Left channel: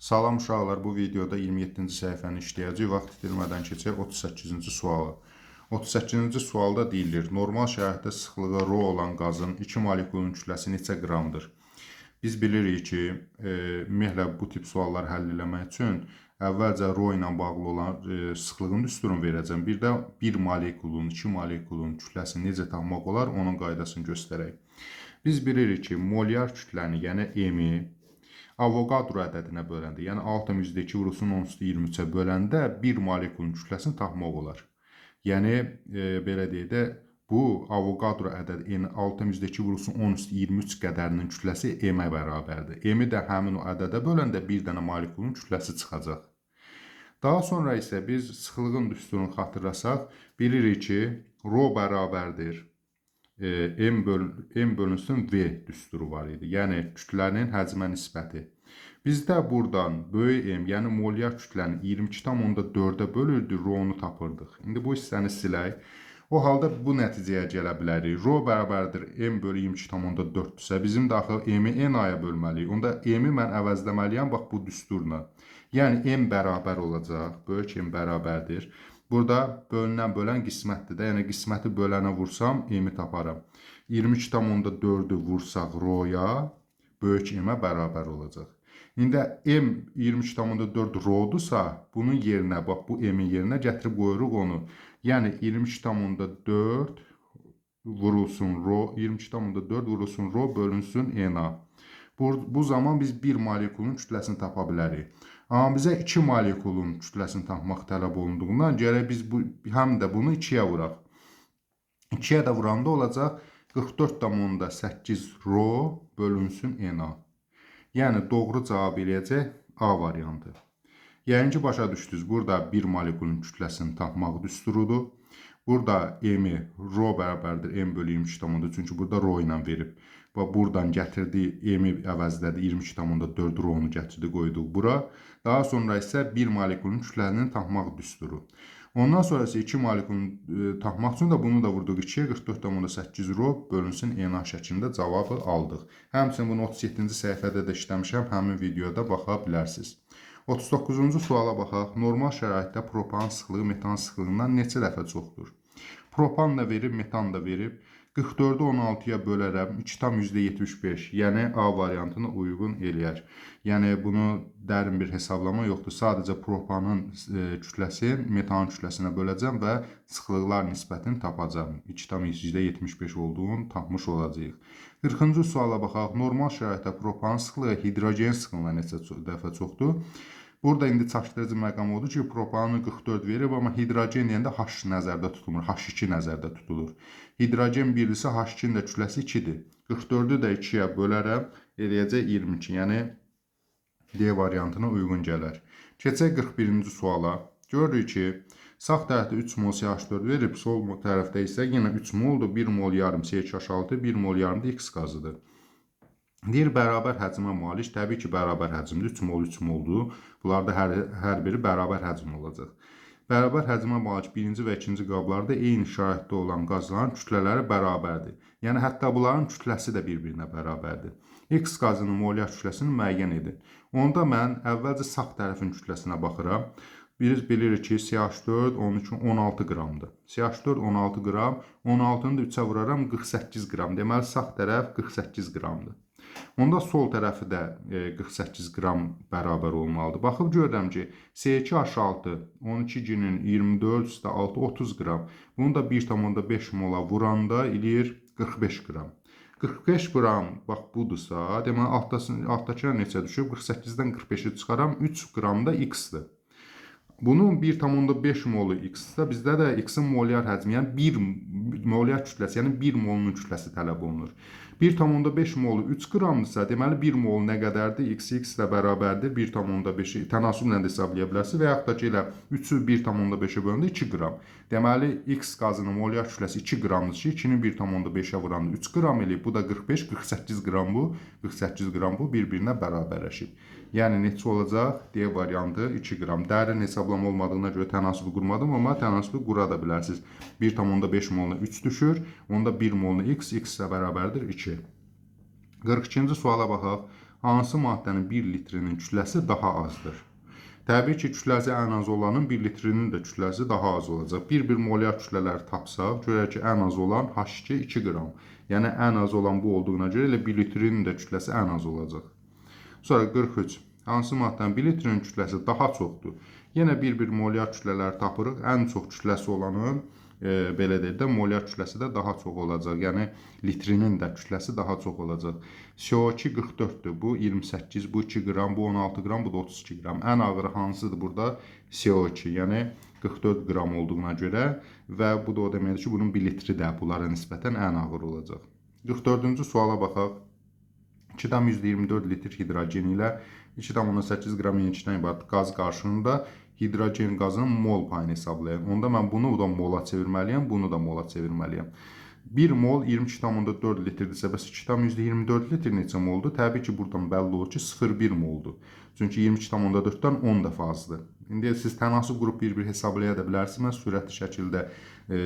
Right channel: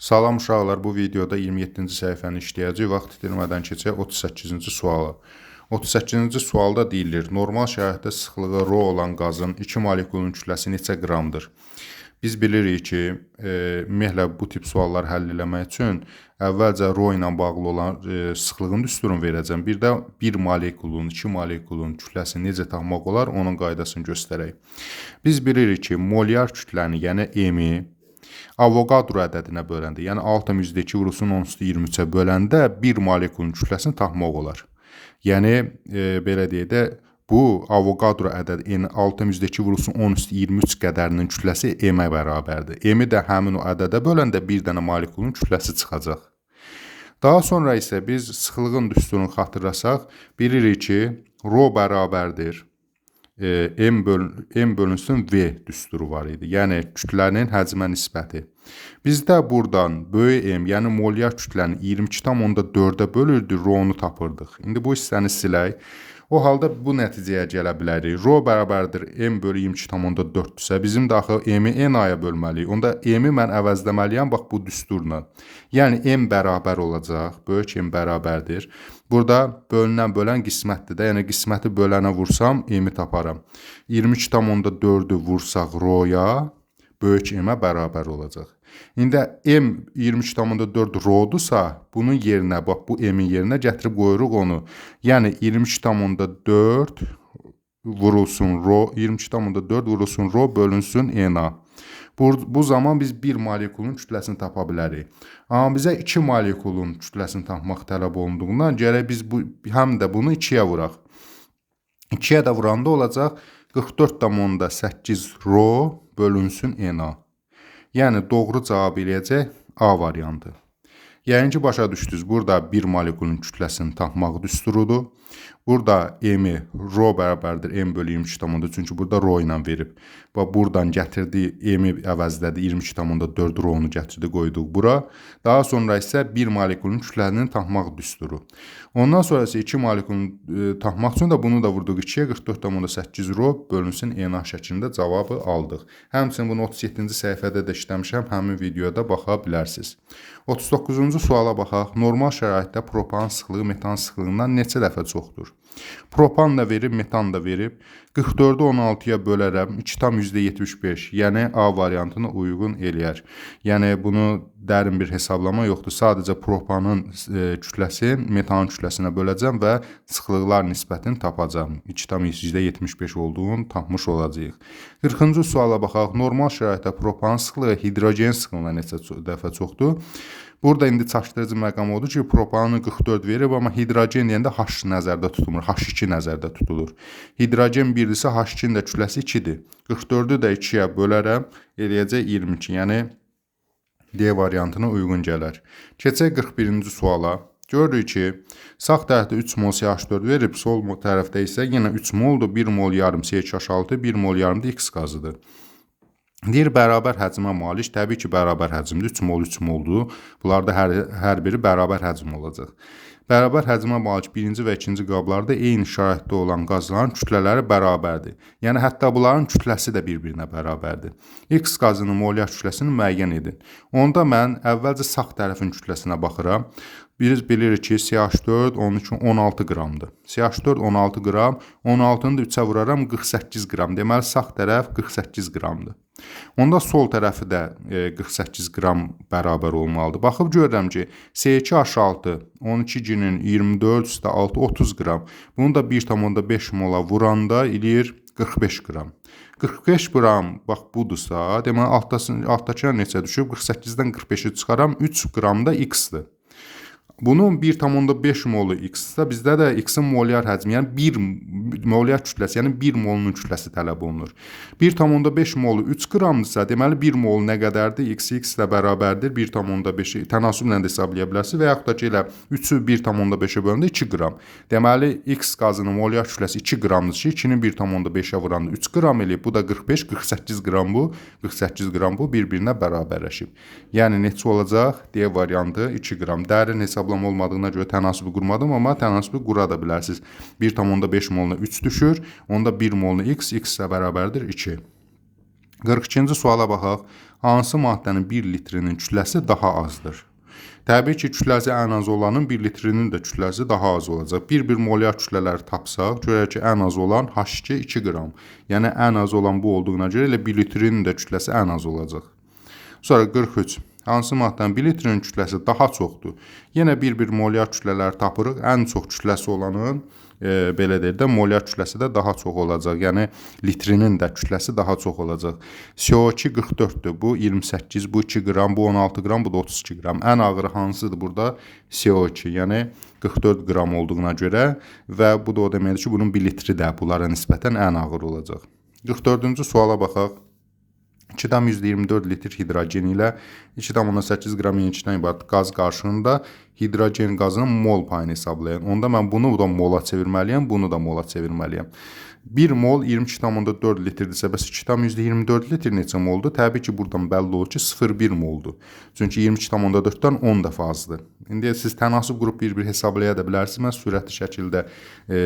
Salam uşaqlar, bu videoda 27-ci səhifəni işləyəcək. Vaxt itirmədən keçək 38-ci suala. 38-ci sualda deyilir, normal şəraitdə sıxlığı ρ olan qazın 2 molekulun kütləsi neçə qramdır? Biz bilirik ki, ümumiyyətlə bu tip suallar həll etmək üçün əvvəlcə ρ ilə bağlı olan sıxlığın düsturunu verəcəm. Bir də 1 molekulun, 2 molekulun kütləsini necə tapmaq olar, onun qaydasını göstərək. Biz bilirik ki, molyar kütləni, yəni M-i Avogadro ədədinə böləndə, yəni 6,2 vurulsun 10^23-ə böləndə 1 molekulun kütləsini tapmaq olar. Yəni, belə deyək də, bu Avogadro ədədi 6,2 vurulsun 10^23 qədərinin kütləsi M-ə bərabərdir. M-i də həmin o ədədə böləndə bir dənə molekulun kütləsi çıxacaq. Daha sonra isə biz sıxlığın düsturunu xatırlasaq, bilirik ki, ρ bərabərdir. M bölünsün V düsturu var idi. Yəni, kütlənin həcmə nisbəti. Bizdə buradan böyük M, yəni molyar kütlənin 22,4-ə bölürdü, ρ-nu tapırdıq. İndi bu hissəni silək. O halda bu nəticəyə gələ bilərik. ρ bərabərdir M bölü 22,4-dürsə, bizim də axı M-i N-aya bölməliyik. Onda M-i mən əvəzləməliyəm, bax bu düsturla. Yəni, M bərabər olacaq, böyük M bərabərdir. Burada bölünən bölən qismətdir də, yəni qisməti bölənə vursam M-i taparam. 22,4-ü vursaq ρ-ya, böyük M-ə bərabər olacaq. İndi M 23,4 ρ-dursa, bunun yerinə, bax bu M-in yerinə gətirib qoyuruq onu. Yəni 22,4 vurulsun ρ, 22,4 vurulsun ρ bölünsün N-a. Bu zaman biz 1 molekulun kütləsini tapa bilərik. Amma bizə 2 molekulun kütləsini tapmaq tələb olunduğundan gərək biz həm də bunu 2-yə vuraq. 2-yə də vuranda olacaq 44,8 ρ bölünsün N-a. Yəni, doğru cavab eləyəcək A variantı. Yəni ki, başa düşdünüz, burada 1 molekulun kütləsini tapmaq düsturudur. Burada M-i ρ bərabərdir M bölü 22,4, çünki burada ρ ilə verib. Buradan gətirdiyi M-i əvəzlədi, 22,4 ρ-nu gətirdi, qoyduq bura. Daha sonra isə 1 molekulun kütləsini tapmaq düsturu. Ondan sonra isə 2 molekulun tapmaq üçün də bunu da vurduq 2-yə, 44,8 ρ bölünsün N-a şəklində cavabı aldıq. Həmçinin bunu 37-ci səhifədə də işləmişəm, həmin videoda baxa bilərsiniz. 39-cu suala baxaq. Normal şəraitdə propan sıxlığı metan sıxlığından neçə dəfə çoxdur? Propan da verib, metan da verib. 44-ü 16-ya bölərəm, 2,75, yəni A variantına uyğun eləyər. Yəni, bunu dərin bir hesablama yoxdur. Sadəcə propanın kütləsi metanın kütləsinə böləcəm və sıxlıqlar nisbətini tapacam. 2,75 olduğunu tapmış olacağıq. 40-cı suala baxaq. Normal şəraitdə propanın sıxlığı hidrogen sıxlığına neçə dəfə çoxdur? Burada indi çaşdırıcı məqam odur ki, propanı 44 verib, amma hidrogen deyəndə H nəzərdə tutulmur, H2 nəzərdə tutulur. Hidrogen 1-dirsə, H2-nin də kütləsi 2-dir. 44-ü də 2-yə bölərəm, eləyəcək 22, yəni D variantına uyğun gələr. Keçək 41-ci suala. Görürük ki, sağ tərəfdə 3 mol CH4 verib, sol tərəfdə isə yenə 3 moldur, 1 mol yarım CH6, 1 mol yarım da X qazıdır. Deyir, bərabər həcmə malik, təbii ki, bərabər həcmdir, 3 mol 3 moldur. Bunlarda hər biri bərabər həcm olacaq. Bərabər həcmə malik birinci və ikinci qablarda eyni şəraitdə olan qazların kütlələri bərabərdir. Yəni, hətta bunların kütləsi də bir-birinə bərabərdir. X qazının molyar kütləsini müəyyən edin. Onda mən əvvəlcə sağ tərəfin kütləsinə baxıram. Biz bilirik ki, CH4 onun üçün 16 qramdır. CH4 16 qram, 16-nı da 3-ə vuraram 48 qram. Deməli, sağ tərəf 48 qramdır. Onda sol tərəfi də 48 qram bərabər olmalıdır. Baxıb görürəm ki, C2H6, 12-cinin 24 üstə 6, 30 qram. Bunu da 1,5 mola vuranda eləyir 45 qram. 45 qram, bax budursa, deməli, altdakılar neçə düşüb? 48-dən 45-i çıxaram, 3 qram da X-dir. Bunun 1,5 molu X-sə, bizdə də X-in molyar həcmi, yəni 1 molyar kütləsi, yəni 1 molunun kütləsi tələb olunur. 1,5 molu 3 qramdırsa, deməli 1 mol nə qədərdir? X ilə bərabərdir, 1,5-i tənasüblə də hesablaya bilərsiniz və yaxud da ki, elə 3-ü 1,5-ə bölündə 2 qram. Deməli, X qazının molyar kütləsi 2 qramdır ki, 2-ni 1,5-ə vuranda 3 qram eləyib, bu da 45, 48 qram bu, 48 qram bu bir-birinə bərabərləşib. Yəni, neçə olacaq? D variantı 2 qram. Dərin hesablama olmadığına görə tənasübü qurmadım, amma tənasübü qura da bilərsiniz. 1,5 moluna 3 düşür, onda 1 moluna X ilə bərabərdir 2. 42-ci suala baxaq. hansı maddənin 1 litrinin kütləsi daha azdır? Təbii ki, kütləsi ən az olanın 1 litrinin də kütləsi daha az olacaq. Bir molyar kütlələri tapsaq, görək ki, ən az olan H2 2 qram. Yəni, ən az olan bu olduğuna görə elə 1 litrinin də kütləsi ən az olacaq. Sonra 43. Hansı maddənin 1 litrinin kütləsi daha çoxdur? Yenə bir molyar kütlələri tapırıq. Ən çox kütləsi olanın belə deyək də, molyar kütləsi də daha çox olacaq. Yəni, litrinin də kütləsi daha çox olacaq. CO2 44'dür. Bu 28, bu 2 qram, bu 16 qram, bu da 32 qram. Ən ağırı hansıdır burada? CO2, yəni 44 qram olduğuna görə və bu da o deməkdir ki, bunun 1 litri də bunlara nisbətən ən ağır olacaq. 44-cü suala baxaq. 2,24 litr hidrogen ilə 2,8 qram yenicdən ibarət qaz qarşılığında hidrogen qazının mol payını hesablayın. Onda mən bunu da mola çevirməliyəm, bunu da mola çevirməliyəm. 1 mol 22,4 litrdirsə, bəs 2,24 litr neçə moldur? Təbii ki, buradan bəlli olur ki, 0,1 moldur. Çünki 22,4-dən 10 dəfə azdır. İndi siz tənasıb qrup bir hesablaya da bilərsiniz. Mən sürətli şəkildə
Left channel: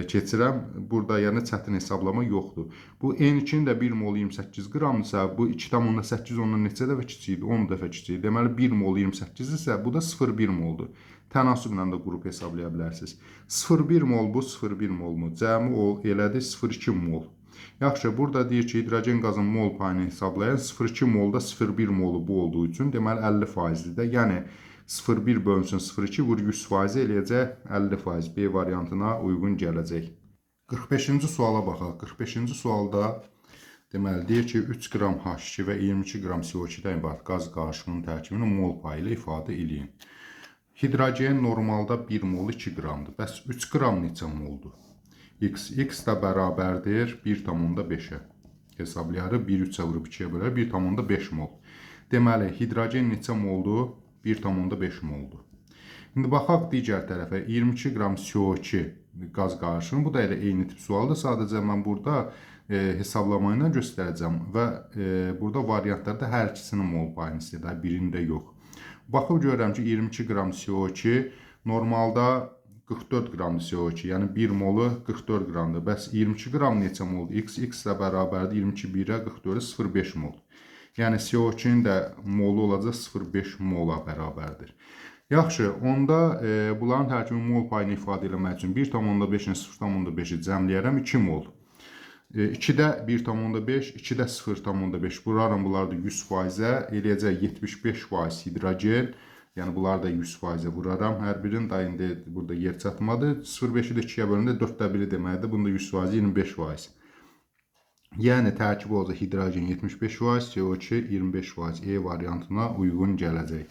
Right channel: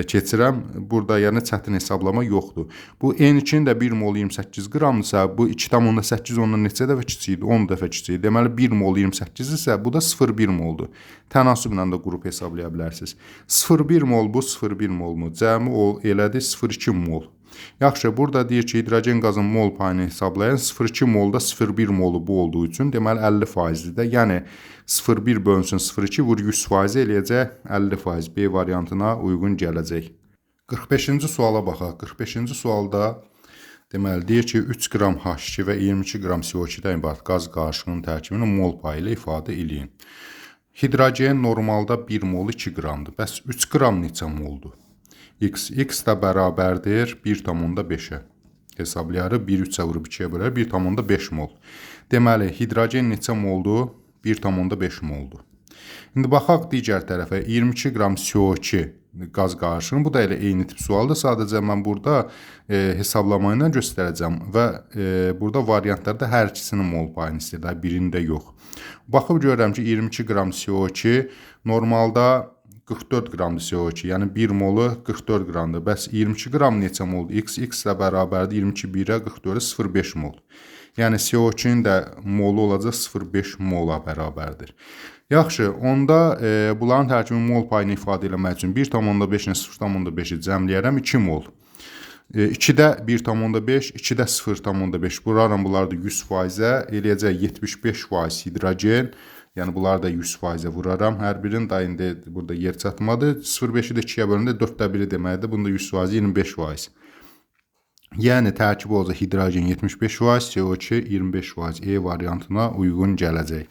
keçirəm. Burada yəni çətin hesablama yoxdur. Bu N2-nin də 1 mol 28 qramdırsa, bu 2,8 ondan neçə dəfə kiçikdir? 10 dəfə kiçikdir. Deməli 1 mol 28 isə bu da 0,1 moldur. Tənasüblə də qrup hesablaya bilərsiniz. 0,1 mol bu 0,1 molmu? Cəmi elədi 0,2 mol. Yaxşı, burada deyir ki, hidrogen qazın mol payını hesablayın. 0,2 molda 0,1 molu bu olduğu üçün deməli 50%dir də. Yəni 0,1 bölünsün 0,2 vur 100% eləyəcək 50%. B variantına uyğun gələcək. 45-ci suala baxaq. 45-ci sualda deməli deyir ki, 3 qram H2 və 22 qram CO2-dən ibarət qaz qarışığının tərkibini mol payı ilə ifadə eləyin. Hidrogen normalda 1 mol 2 qramdır. Bəs 3 qram neçə moldur? X də bərabərdir 1,5-ə. Hesablayarıq, 1,3-ə vurub 2-yə bölər, 1,5 mol. Deməli, hidrogen neçə moldur? 1,5 moldur. İndi baxaq digər tərəfə, 22 qram CO2 qaz qarışığının, bu da elə eyni tip sualdır. Sadəcə mən burada hesablama ilə göstərəcəm və burada variantlarda hər ikisinin mol payını istəyir, birində yox. Baxıb görürəm ki, 22 qram CO2 normalda 44 qramdır CO2, yəni 1 molu 44 qramdır. Bəs 22 qram neçə moldur? X ilə bərabərdir 22 1-ə 44-ə 0,5 mol. Yəni CO2-nin də molu olacaq 0,5 mola bərabərdir. Yaxşı, onda bunların tərkibinin mol payını ifadə etmək üçün 1,5-ni 0,5-i cəmləyərəm 2 mol. 2-də 1,5, 2-də 0,5. Vuraram bunları da 100%-ə, eləyəcək 75% hidrogen. Yəni bunları da 100%-ə vuraram. Hər birinin da indi burada yer çatmadır. 0,5-i də 2-yə bölündə 4də 1-i deməkdir. Bunda 100%, 25%. Yəni tərkibi olacaq hidrogen 75%, CO2 25%. E variantına uyğun gələcək.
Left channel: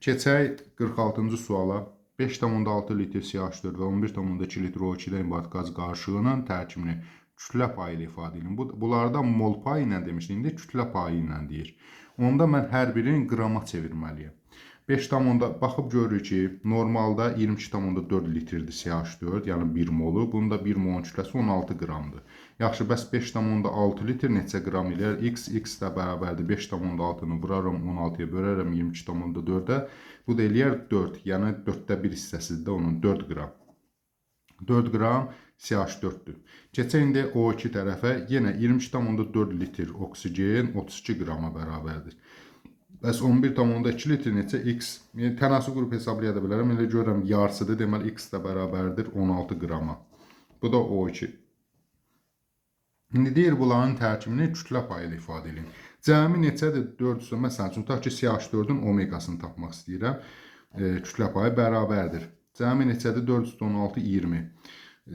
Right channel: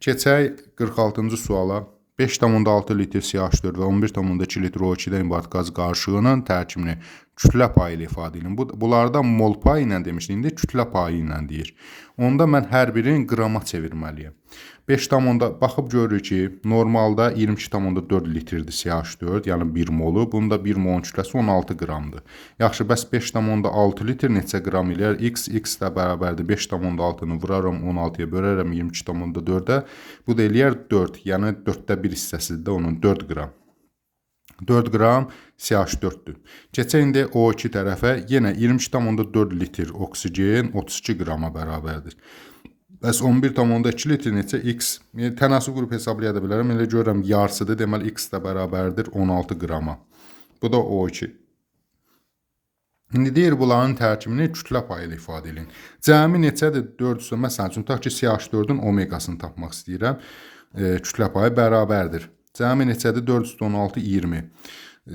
Keçək 46-cı suala. 5,6 litr CH4 və 11,2 litr O2-dən ibarət qaz qarışığının tərkibini kütlə payı ilə ifadə edin. Bunlarda mol payı ilə demişdik, indi kütlə payı ilə deyir. Onda mən hər birini qrama çevirməliyəm. 5,6 baxıb görürük ki, normalda 22,4 litrdir CH4, yəni 1 molu. Bunda 1 molun kütləsi 16 qramdır. Yaxşı, bəs 5,6 litr neçə qram eləyər? X də bərabərdir 5,6-nı vuraram 16-ya bölərəm 22,4-ə. Bu da eləyər 4, yəni 4də 1 hissəsidir də onun 4 qram. 4 qram CH4-dür. Keçək indi O2 tərəfə, yenə 22,4 litr oksigen 32 qrama bərabərdir. Bəs 11,2 litr neçə? X. Tənasüb qrup hesablaya da bilərəm. Elə görürəm yarısıdır. Deməli, X də bərabərdir 16 qrama. Bu da O2. İndi deyir, bunların tərkibini kütlə payı ilə ifadə edin. Cəmi neçədir? 4-sü. Məsələn üçün, tutaq ki, CH4-ün omeqasını tapmaq istəyirəm. Kütlə payı bərabərdir. Cəmi neçədir? 4,16, 20.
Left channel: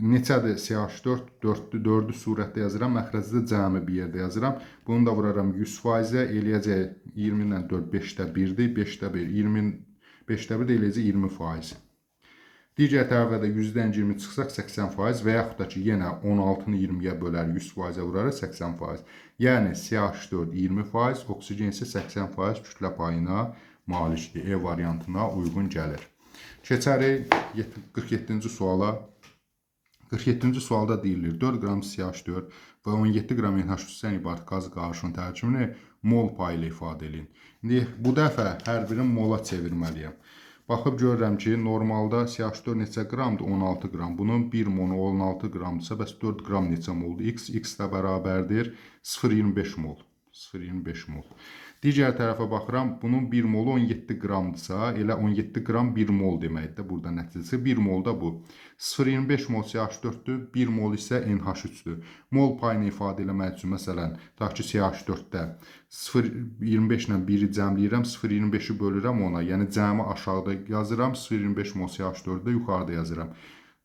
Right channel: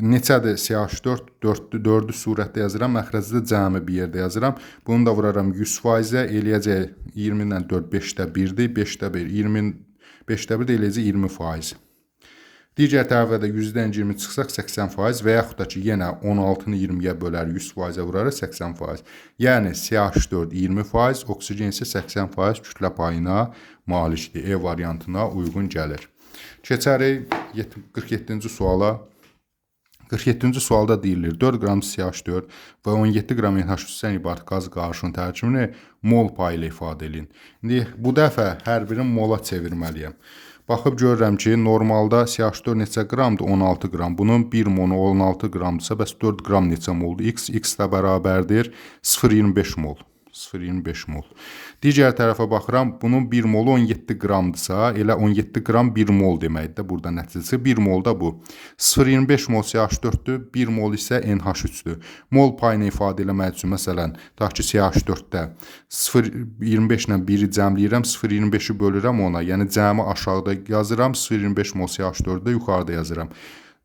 Neçədir CH4? 4-ü surətdə yazıram, məxrəcdə cəmi bir yerdə yazıram. Bunu da vuraram 100%-ə, eləyəcək 20-dən 4, 5də 1-dir, 5də 1, 5də 1 də eləyəcək 20%. Digər tərəfə də 100-dən 20 çıxsaq 80% və yaxud da ki, yenə 16-nı 20-yə bölər 100%-ə vurarıq 80%. Yəni CH4 20%, oksigen isə 80% kütlə payına malikdir. E variantına uyğun gəlir. Keçərik 47-ci suala. 47-ci sualda deyilir 4 qram CH4 və 17 qram NH3-dən ibarət qaz qarışığının tərkibini mol payı ilə ifadə edin. İndi bu dəfə hər birini mola çevirməliyəm. Baxıb görürəm ki, normalda CH4 neçə qramdır? 16 qram. Bunun 1 molu 16 qramdırsa, bəs 4 qram neçə moldur? X də bərabərdir 0,25 mol. 0,25 mol. Digər tərəfə baxıram, bunun 1 molu 17 qramdırsa, elə 17 qram 1 mol deməkdir. Burada nəticəsi 1 mol da bu. 0,25 mol CH4-dür, 1 mol isə NH3-dür. Mol payını ifadə eləmək üçün, məsələn, tutaq ki, CH4-də 0,25 ilə 1-i cəmləyirəm, 0,25-i bölürəm ona. Yəni, cəmi aşağıda yazıram, 0,25 mol CH4-də yuxarıda yazıram.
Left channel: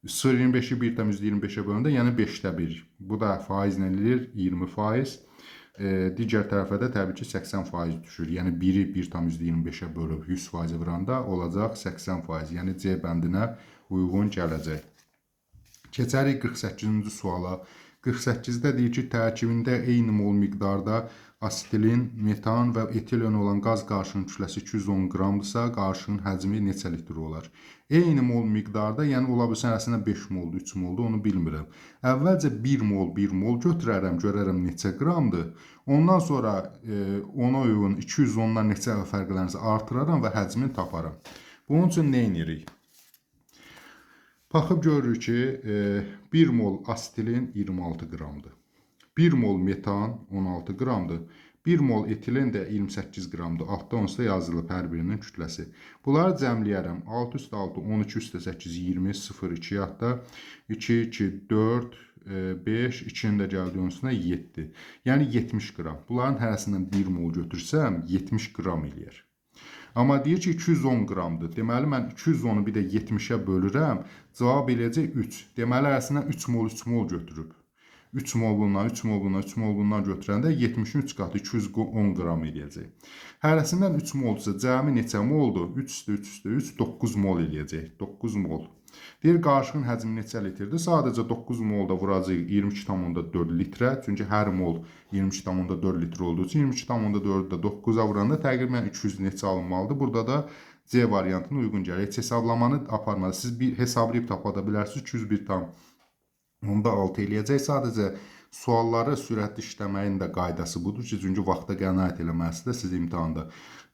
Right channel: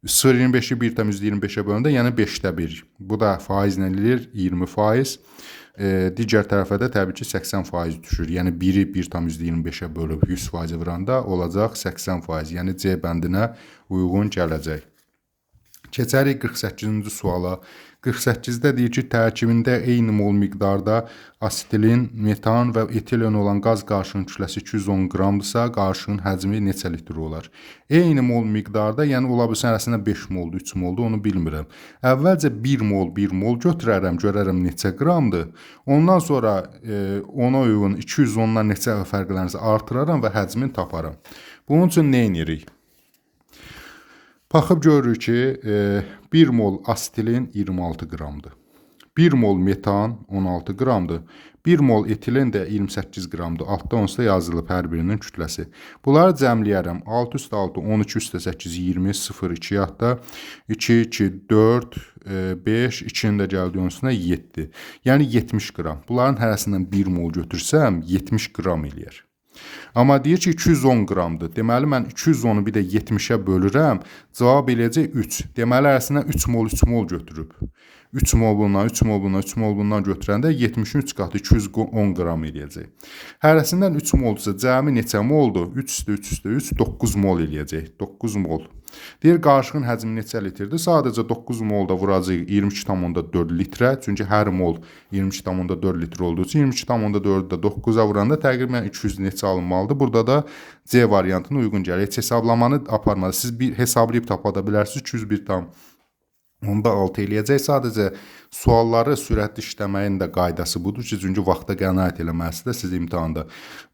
0,25-i 1,25-ə bölündə, yəni 5də 1. Bu da faizlə eləyir 20%. Digər tərəfə də təbii ki 80% düşür. Yəni 1-i 1,25-ə bölüb 100% vuranda olacaq 80%. Yəni C bəndinə uyğun gələcək. Keçərik 48-ci suala. 48-də deyir ki, tərkibində eyni mol miqdarda asetilin, metan və etilen olan qaz qarışığının kütləsi 210 qramdırsa, qarışığın həcmi neçə litr olar? Eyni mol miqdarda, yəni ola bilsin arasında 5 moldur, 3 moldur, onu bilmirəm. Əvvəlcə 1 mol götürərəm, görərəm neçə qramdır. Ondan sonra ona uyğun 210-dan neçə fərqlənirsə artıraram və həcmini taparam. Bunun üçün nə edirik? Baxıb görürük ki, 1 mol asetilin 26 qramdır. 1 mol metan 16 qramdır. 1 mol etilen də 28 qramdır. Altda onsuz da yazılıb hər birinin kütləsi. Bunları cəmləyərəm. 6 üstə 6, 12 üstə 8, 20, 0, 2 yaxda 2, 2, 4, 5, 2-nin də gəldiyi onsuna 7. Yəni 70 qram. Bunların hərəsindən 1 mol götürsəm 70 qram eləyər. Amma deyir ki 210 qramdır. Deməli mən 210-u bir də 70-ə bölürəm. Cavab eləyəcək 3. Deməli arasından 3 mol götürüb. 3 mol bundan, 3 mol bundan, 3 mol bundan götürəndə 73 qatı 210 qram eləyəcək. Hərəsindən 3 molsa cəmi neçə moldur? 3 üstə 3 üstə 3, 9 mol eləyəcək. 9 mol. Deyir qarışığın həcmi neçə litrdir? Sadəcə 9 molda vuracaq 22,4 litrə. Çünki hər mol 22,4 litr olduğu üçün 22,4-ü də 9-a vuranda təqribən 200 neçə alınmalıdır. Burada da C variantına uyğun gəlir. Heç hesablamanı aparmadı. Siz bir hesablayıb tapa da bilərsiniz. 201,6 eləyəcək. Sadəcə sualları sürətli işləməyin də qaydası budur ki, çünki vaxta qənaət eləməlisiniz siz imtahanda.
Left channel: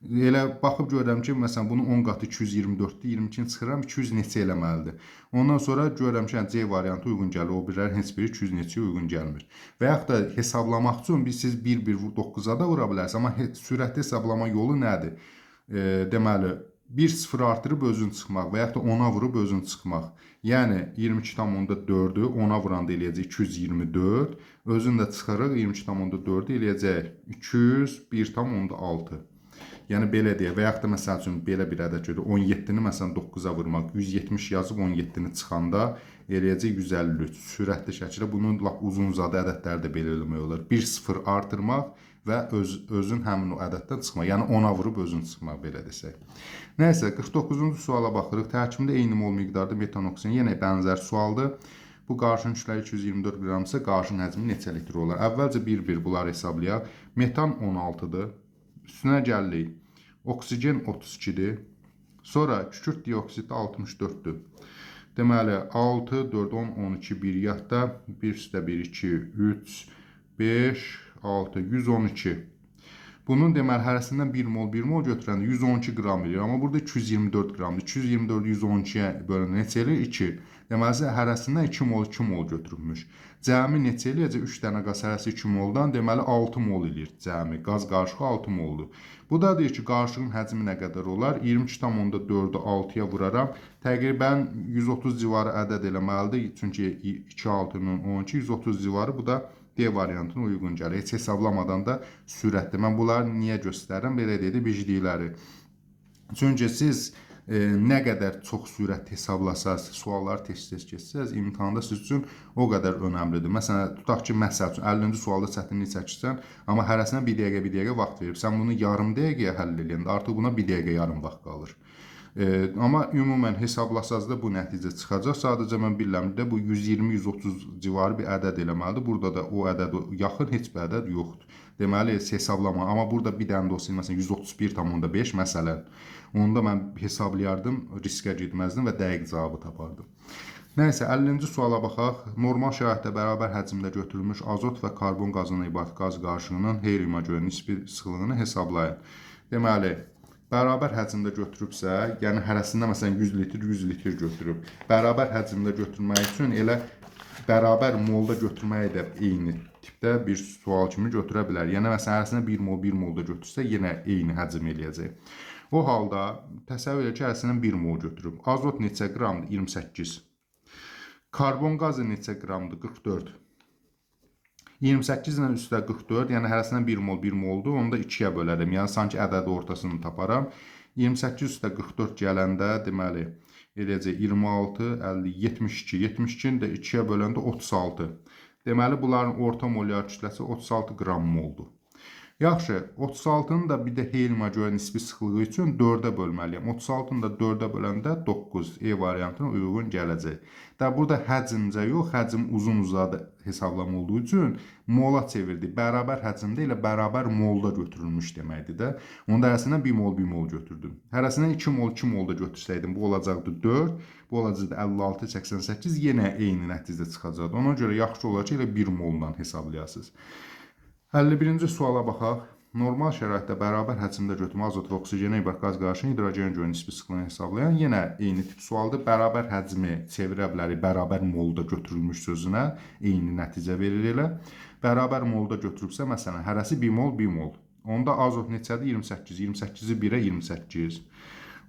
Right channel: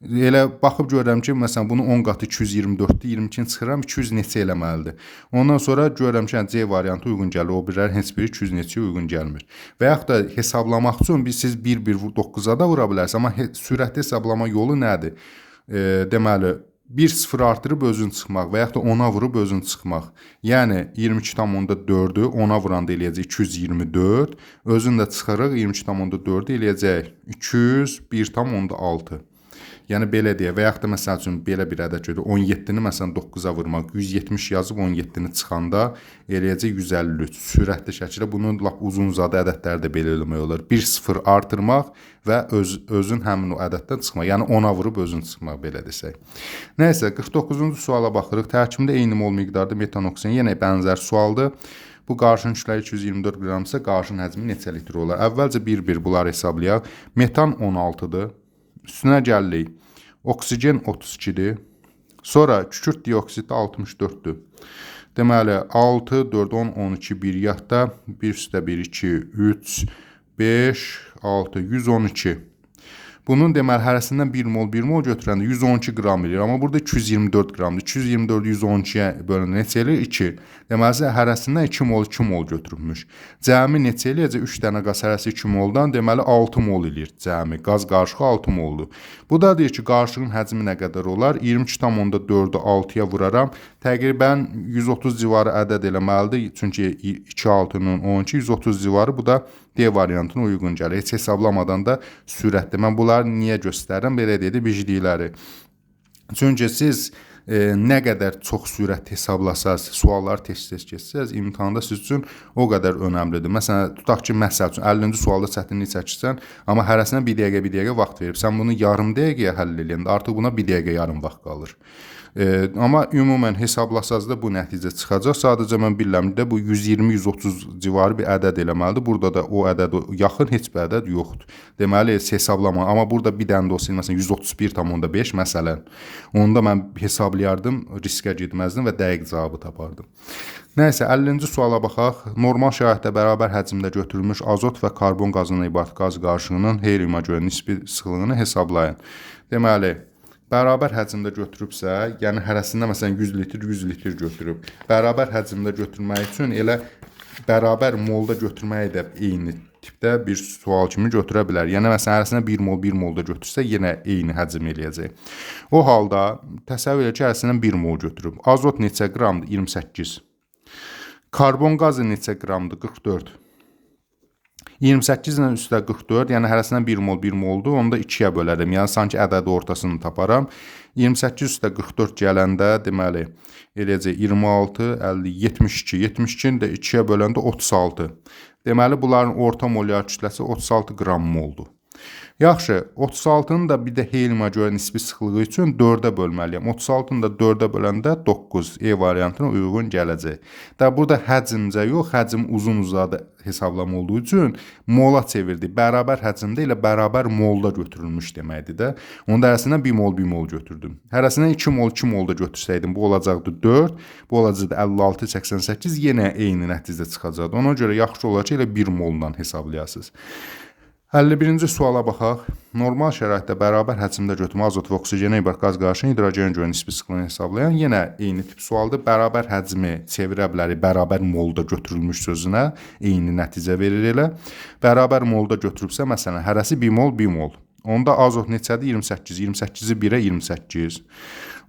Elə baxıb görürəm ki, məsələn, bunu 10 qatı 224-dür, 22-ni çıxıram, 200 neçə eləməlidir. Ondan sonra görürəm ki, C variantı uyğun gəlir, o birlər heç biri 200 neçəyə uyğun gəlmir. Və yaxud da hesablamaq üçün siz 1,9-a da vura bilərsiniz, amma sürətli hesablama yolu nədir? Deməli, 1-0 artırıb özünü çıxmaq və yaxud da 10-a vurub özünü çıxmaq. Yəni 22,4-ü 10-a vuranda eləyəcək 224, özünü də çıxırıq 22,4-ü eləyəcək 201,6. Yəni belə deyə və yaxud da məsəl üçün belə bir ədəd götürək. 17-ni məsələn 9-a vurmaq, 170 yazıb 17-ni çıxanda eləyəcək 153. Sürətli şəkildə bunun lap uzun-uzadı ədədləri də belə eləmək olar. 1-0 artırmaq və özün həmin o ədəddən çıxmaq. Yəni 10-a vurub özün çıxmaq belə desək. Nəysə 49-cu suala baxırıq. Tərkibində eyni mol miqdarda metan oksigen yenə bənzər sualdır. Bu qarışığın kütləsi 224 qramdırsa qarışığın həcmi neçə litr olar? Əvvəlcə bir-bir bunları hesablayaq. Metan 16-dır. Üstünə gəlirik. Oksigen 32-dir. Sonra kükürt dioksidi 64-dür. Deməli 6, 4, 10, 12, 1 yaxda 1 üstə 1, 2, 3, 5, 6, 112. Bunun deməli hərəsindən 1 mol götürəndə 112 qram eləyir. Amma burada 224 qramdır. 224 112-yə bölündə neçə eləyir? 2. Deməli hərəsindən 2 mol götürülmüş. Cəmi neçə eləyəcək? 3 dənə qaz hərəsi 2 moldan deməli 6 mol eləyir cəmi. Qaz qarışığı 6 moldur. Bu da deyir ki, qarışığın həcmi nə qədər olar? 22,4-ü 6-ya vuraram. Təqribən 130 civarı ədəd eləməlidir. Çünki 2,6-nın 12, 130 civarı bu da D variantına uyğun gəlir. Heç hesablamadan da sürətli. Mən bunları niyə göstərirəm? Belə deyək, biclikləri. Çünki siz nə qədər çox sürət hesablasaz, sualları tez-tez keçsəz, imtahanda siz üçün o qədər önəmlidir. Məsələn, tutaq ki, məsəl üçün 50-ci sualda çətinlik çəkirsən, amma hərəsinə 1 dəqiqə vaxt verib. Sən bunu yarım dəqiqəyə həll edəndə artıq buna 1 dəqiqə yarım vaxt qalır. Amma ümumən hesablasaz da bu nəticə çıxacaq. Sadəcə mən bilirəm də bu 120-130 civarı bir ədəd eləməlidir. Burada da o ədədə yaxın heç bir ədəd yoxdur. Deməli hesablama. Amma burada bir dənə də olsa məsələn 131,5 məsələn. Onda mən hesablayardım, riskə getməzdim və dəqiq cavabı tapardım. Nəysə 50-ci suala baxaq. Normal şəraitdə bərabər həcmdə götürülmüş azot və karbon qazından ibarət qaz qarışığının heliuma görə nisbi sıxlığını hesablayın. Deməli bərabər həcmdə götürübsə, yəni hərəsində məsələn 100 litr götürüb. Bərabər həcmdə götürmək üçün elə bərabər molda götürməyi də eyni tipdə bir sual kimi götürə bilər. Yəni məsələn hərəsinə 1 mol 1 mol da götürsə yenə eyni həcm eləyəcək. O halda təsəvvür et ki, hərəsindən 1 mol götürüb. Azot neçə qramdır? 28. Karbon qazı neçə qramdır? 44. 28 ilə üstə 44, yəni hərəsindən 1 mol 1 moldur. Onu da 2-yə bölərəm. Yəni sanki ədədi ortasını taparam. 28 üstə 44 gələndə deməli eləcək 26, 50, 72. 72-ni də 2-yə böləndə 36. Deməli bunların orta molyar kütləsi 36 qram moldur. Yaxşı, 36-nı da bir də helyuma görə nisbi sıxlığı üçün 4-ə bölməliyəm. 36-nı da 4-ə böləndə 9 E variantına uyğun gələcək. Da burada həcmcə yox, həcm uzun-uzadı hesablama olduğu üçün mola çevirdi. Bərabər həcmdə ilə bərabər molda götürülmüş deməkdir də. Onda hərəsindən 1 mol 1 mol götürdüm. Hərəsindən 2 mol 2 mol da götürsəydim bu olacaqdı 4, bu olacaqdı 56 88, yenə eyni nəticə çıxacaqdı. Ona görə yaxşı olacaq ki, elə 1 moldan hesablayasınız. 51-ci suala baxaq. Normal şəraitdə bərabər həcmdə götürmə azot və oksigenə ibart qaz qarışığının hidrogenə görə nisbi sıxlığını hesablayan yenə eyni tip sualdır. Bərabər həcmi çevirə bilərik bərabər molda götürülmüş sözünə, eyni nəticə verir elə. Bərabər molda götürübsə, məsələn, hərəsi 1 mol 1 mol. Onda azot neçədir? 28. 28-i 1-ə 28.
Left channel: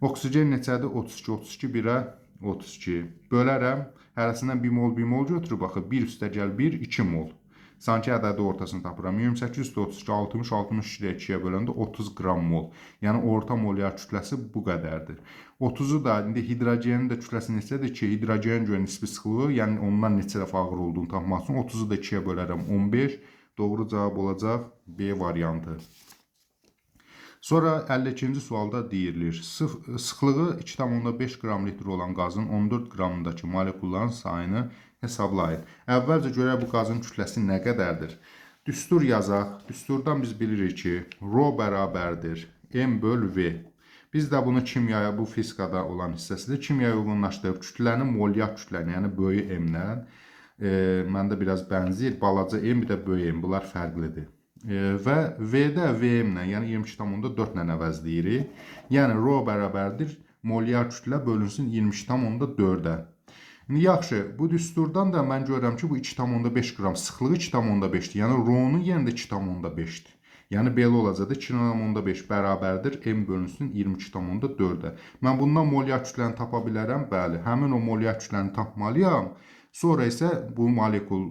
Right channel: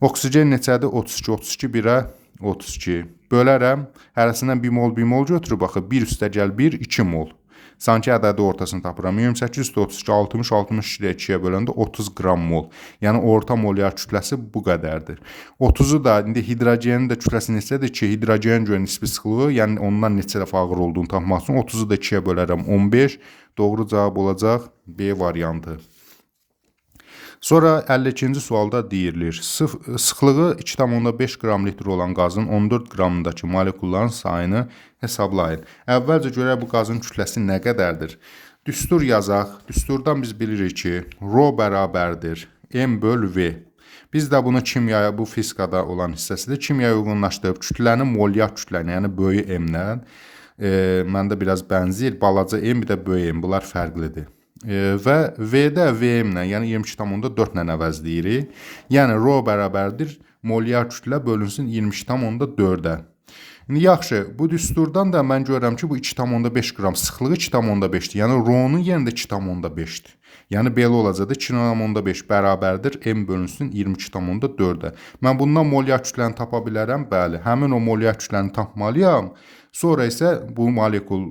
Oksigen neçədir? 32. 32 1-ə 32. Bölərəm. Hərəsindən 1 mol 1 mol götürüb baxı 1 üstə gəl 1 2 mol. Sanki ədədi ortasını tapıram. 28 üstə 32, 60, 62 2-yə böləndə 30 qram mol. Yəni orta molyar kütləsi bu qədərdir. 30-u da, indi hidrogenin də kütləsi neçədir ki, hidrogenin görə nisbi sıxlığı, yəni ondan neçə dəfə ağır olduğunu tapmaq üçün 30-u da 2-yə bölərəm 15. Doğru cavab olacaq B variantı. Sonra 52-ci sualda deyilir, sıxlığı 2,5 qram litr olan qazın 14 qramındakı molekulların sayını hesablayın. Əvvəlcə görək bu qazın kütləsi nə qədərdir? Düstur yazaq. Düsturdan biz bilirik ki, rho bərabərdir M böl V. Biz də bunu kimyaya, bu fizikada olan hissəsidir, kimyaya uyğunlaşdırıb kütlənin molyar kütləni, yəni böyük M-lə, məndə biraz bənzəyir, balaca M, bir də böyük M, bunlar fərqlidir. Və V-də VM-lə, yəni 22,4 ilə əvəzləyirik. Yəni rho bərabərdir molyar kütlə bölünsün 22,4-ə. İndi yaxşı, bu düsturdan da mən görürəm ki, bu 2,5 qram sıxlığı 2,5-dir. Yəni rho-nun yerində 2,5-dir. Yəni belə olacaqdır, 2,5 bərabərdir M bölünsün 22,4-ə. Mən bundan molyar kütləni tapa bilərəm, bəli. Həmin o molyar kütləni tapmalıyam. Sonra isə bu molekul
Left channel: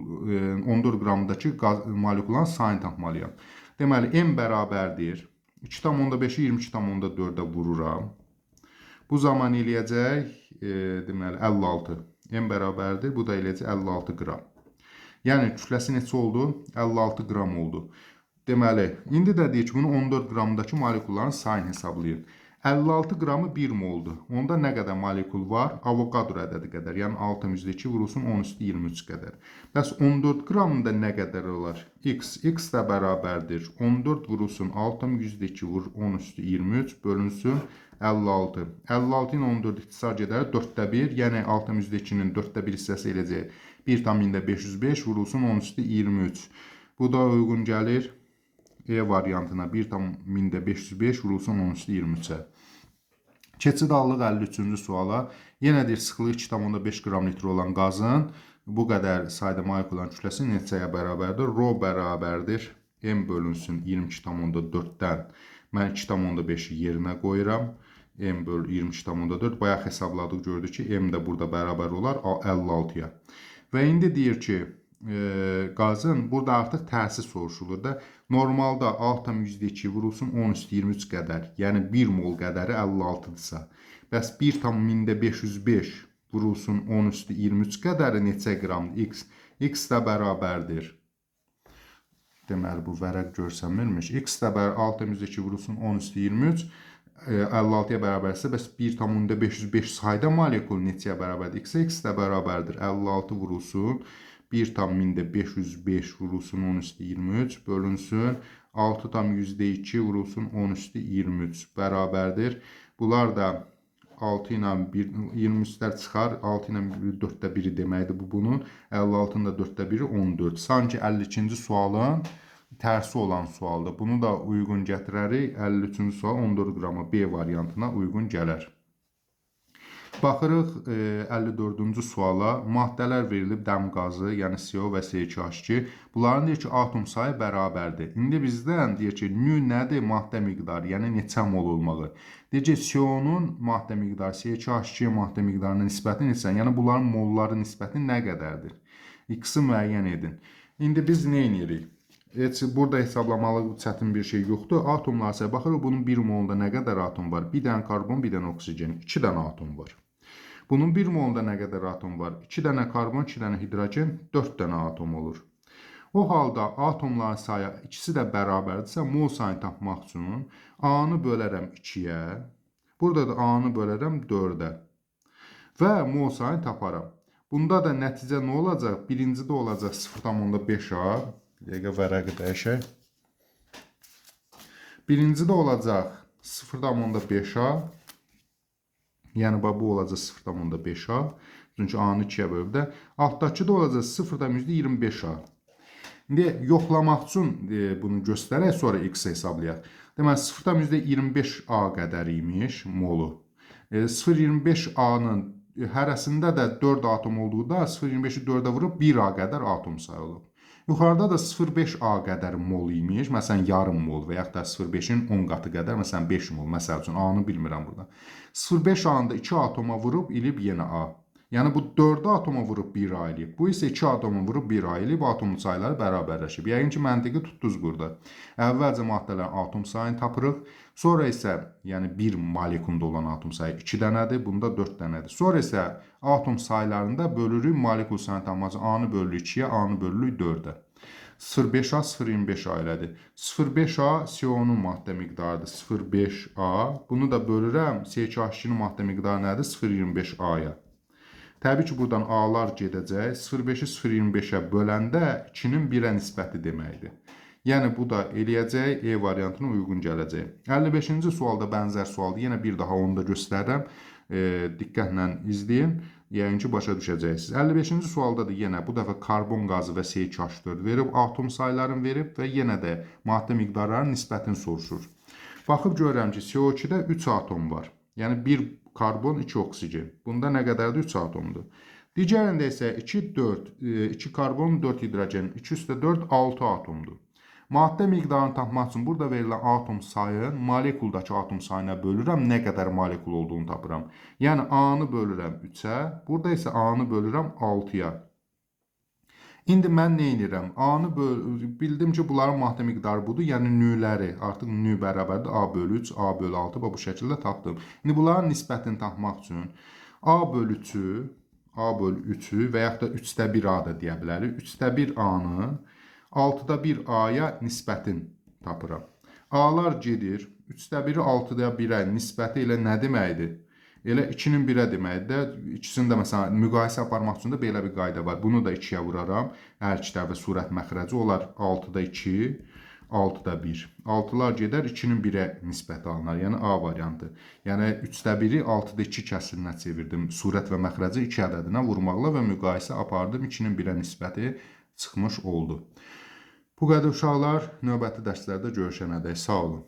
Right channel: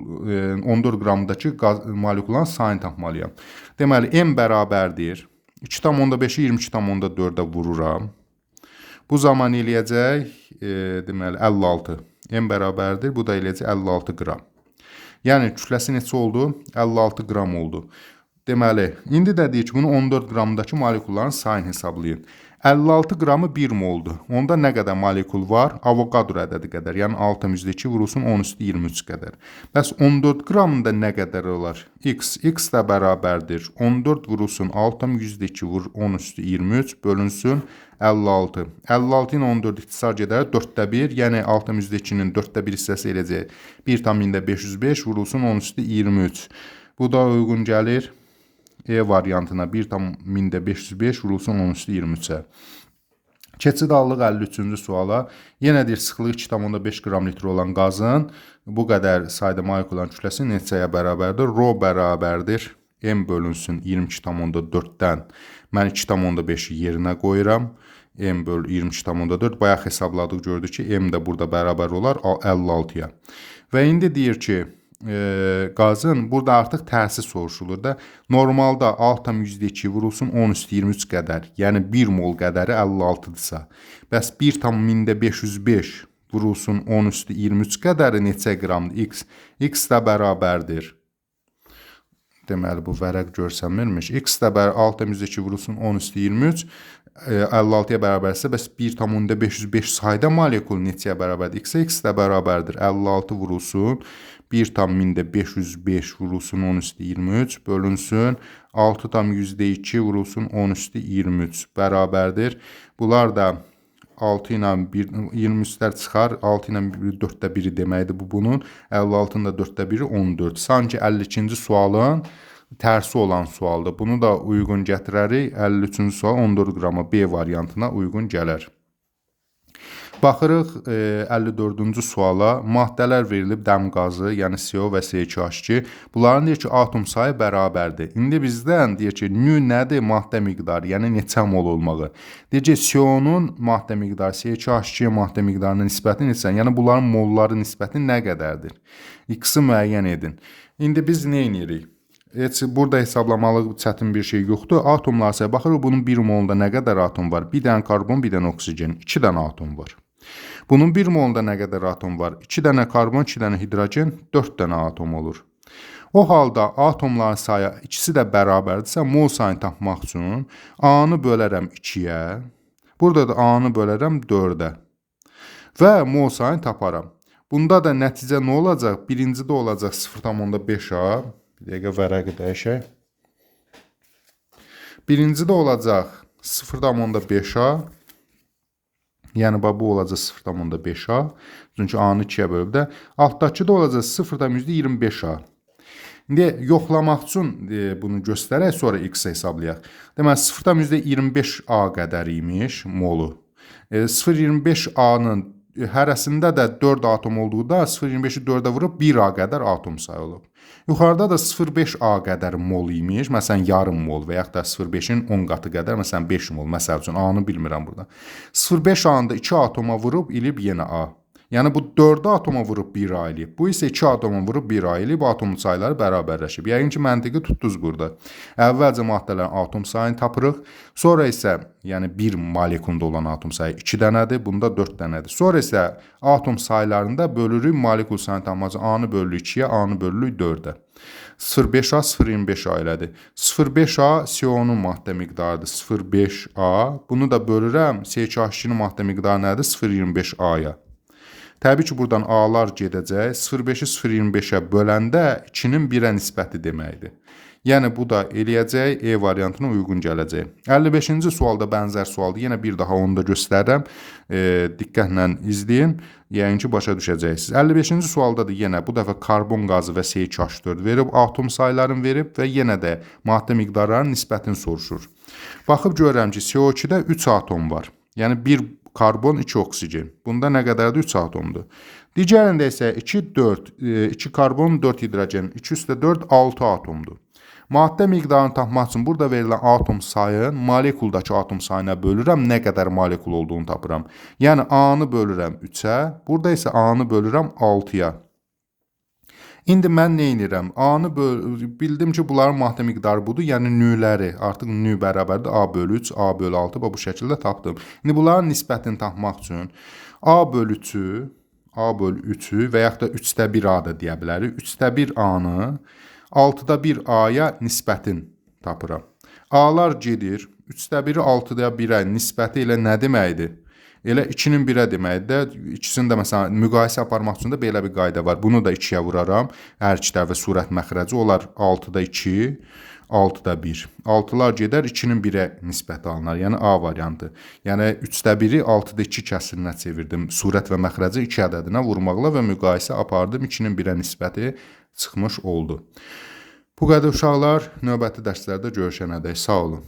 14 qramdakı molekulların sayını tapmalıyam. Deməli, M bərabərdir. 2,5-i 22,4-ə vururam. Bu zaman eləyəcək, deməli, 56. M bərabərdir, bu da eləyəcək 56 qram. Yəni, kütləsi neçə oldu? 56 qram oldu. Deməli, indi də deyir ki, bunu 14 qramdakı molekulların sayını hesablayın. 56 qramı 1 moldur. Onda nə qədər molekul var? Avogadro ədədi qədər. Yəni 6,2 vurulsun 10 üstü 23 qədər. Bəs 14 qramında nə qədər olar? X. X də bərabərdir. 14 vurulsun 6,2 vur 10 üstü 23 bölünsün 56. 56 ilə 14 ixtisar gedər 4də 1. Yəni 6,2-nin 4də 1 hissəsi eləcək. 1,505 vurulsun 10 üstü 23. Bu da uyğun gəlir E variantına 1,505 vurulsun 10 üstü 23-ə. Keçid aldıq 53-cü suala. Yenə deyir, sıxlığı 2,5 qram litr olan qazın bu qədər sayda molekuların kütləsi neçəyə bərabərdir? Rho bərabərdir M bölünsün 22,4-dən. Mən 2,5-i yerinə qoyuram. M böl 22,4. Bayaq hesabladıq, gördük ki, M də burada bərabər olar 56-ya. Və indi deyir ki, qazın burada artıq tərsi soruşulur da. Normalda 6,2 vurulsun 10 üstü 23 qədər, yəni 1 mol qədəri 56-dırsa. Bəs 1,505 vurulsun 10 üstü 23 qədəri neçə qramdır? X. X də bərabərdir. Deməli, bu vərəq görsənmirmiş. X də 6,2 vurulsun 10 üstü 23 56-ya bərabərsə, bəs 1,505 sayda molekul neçəyə bərabərdir? X də bərabərdir. 56 vurulsun 1,505 vurulsun 10 üstü 23 bölünsün 6,2 vurulsun 10 üstü 23 bərabərdir. Bunlar da 6 ilə 23-lər çıxar. 6 ilə 4də 1-i deməkdir bu bunun. 56-nın da 4də 1-i 14. Sanki 52-ci sualın tərsi olan sualdır. Bunu da uyğun gətirərik. 53-cü sual 14 qrama B variantına uyğun gələr. Baxırıq 54-cü suala. Maddələr verilib dəm qazı, yəni CO və C2H2. Bunların deyir ki, atom sayı bərabərdir. İndi bizdən deyir ki, nü nədir? Maddə miqdarı, yəni neçə mol olmağı. Deyir ki, CO-nun maddə miqdarı, C2H2-yə maddə miqdarına nisbəti neçə? Yəni bunların molları nisbəti nə qədərdir? X-i müəyyən edin. İndi biz nə edirik? Heç burada hesablamalı çətin bir şey yoxdur. Atomlar sayı baxırıq, bunun 1 molunda nə qədər atom var? Bir dənə karbon, bir dənə oksigen, 2 dənə atom var. Bunun 1 molunda nə qədər atom var? 2 dənə karbon, 2 dənə hidrogen, 4 dənə atom olur. O halda atomların sayı ikisi də bərabərdirsə, mol sayını tapmaq üçün A-nı bölərəm 2-yə, burada da A-nı bölərəm 4-ə və mol sayını taparam. Bunda da nəticə nə olacaq? Birincidə olacaq 0,5A, bir dəqiqə vərəqi dəyişək. Birincidə olacaq 0,5A, yəni bu olacaq 0,5A, çünki A-nı 2-yə bölüb də. Altdakıda olacaq 0,25A. İndi yoxlamaq üçün bunu göstərək, sonra X hesablayaq. Deməli, 0,25A qədər imiş molu. 0,25A-nın hərəsində də 4 atom olduğunda 0,25-i 4-ə vurub 1A qədər atom sayı olub. Yuxarıda da 0,5A qədər mol imiş, məsələn yarım mol və yaxud da 0,5-in 10 qatı qədər, məsələn 5 mol, məsəl üçün A-nı bilmirəm burada. 0,5A-nı da 2 atoma vurub ilib yenə A. Yəni bu 4 atoma vurub 1A eləyib. Bu isə 2 atoma vurub 1A eləyib, atom sayları bərabərləşib. Yəqin ki, məntiqi tutdunuz burada. Əvvəlcə maddələrin atom sayını tapırıq. Sonra isə, yəni 1 molekulunda olan atom sayı 2 dənədir, bunda 4 dənədir. Sonra isə atom saylarında bölürük molekul sayını tapmaq üçün A-nı bölürük 2-yə, A-nı bölürük 4-ə. 0,5A 0,25A elədi. 0,5A CO-nun maddə miqdarıdır 0,5A. Bunu da bölürəm C2H2-nin maddə miqdarı nədir? 0,25A-ya. Təbii ki, buradan A-lar gedəcək. 0,5-i 0,25-ə böləndə 2-nin 1-ə nisbəti deməkdir. Yəni, bu da eləyəcək, E variantına uyğun gələcək. 55-ci sualda bənzər sualdır. Yenə bir daha onu da göstərirəm. Diqqətlə izləyin. Yəni ki, başa düşəcəksiniz. 55-ci sualda da yenə bu dəfə karbon qazı və C2H4 verib, atom saylarını verib və yenə də maddə miqdarlarının nisbətini soruşur. Baxıb görürəm ki, CO2-də 3 atom var. Yəni, 1 karbon, 2 oksigen. Bunda nə qədərdir? 3 atomdur. Digərində isə 2, 4, 2 karbon, 4 hidrogen, 2 üstə 4, 6 atomdur. Maddə miqdarını tapmaq üçün burada verilən atom sayı molekuldakı atom sayına bölürəm, nə qədər molekul olduğunu tapıram. Yəni, A-nı bölürəm 3-ə, burada isə A-nı bölürəm 6-ya. İndi mən nə edirəm? A-nı bildim ki, bunların maddə miqdarı budur, yəni nüləri. Artıq nü bərabərdir A bölü 3, A bölü 6 və bu şəkildə tapdım. İndi bunların nisbətini tapmaq üçün A bölü 3-ü və yaxud da 3də 1 A da deyə bilərik. 3də 1 A-nı 6da 1 A-ya nisbətin tapıram. A-lar gedir. 3də 1-i 6da 1-ə nisbəti ilə nə deməkdir? Elə 2-nin 1-ə deməkdir. İkisini də məsələn müqayisə aparmaq üçün də belə bir qayda var. Bunu da 2-yə vuraram. Hər iki tərəfə sürət məxrəci olar 6da 2, 6da 1. 6-lar gedər, 2-nin 1-ə nisbəti alınar. Yəni A variantı. Yəni 3də 1-i 6da 2 kəsirinə çevirdim. Surət və məxrəci 2 ədədinə vurmaqla və müqayisə apardım. 2-nin 1-ə nisbəti çıxmış oldu. Bu qədər uşaqlar, növbəti dərslərdə görüşənədək sağ olun.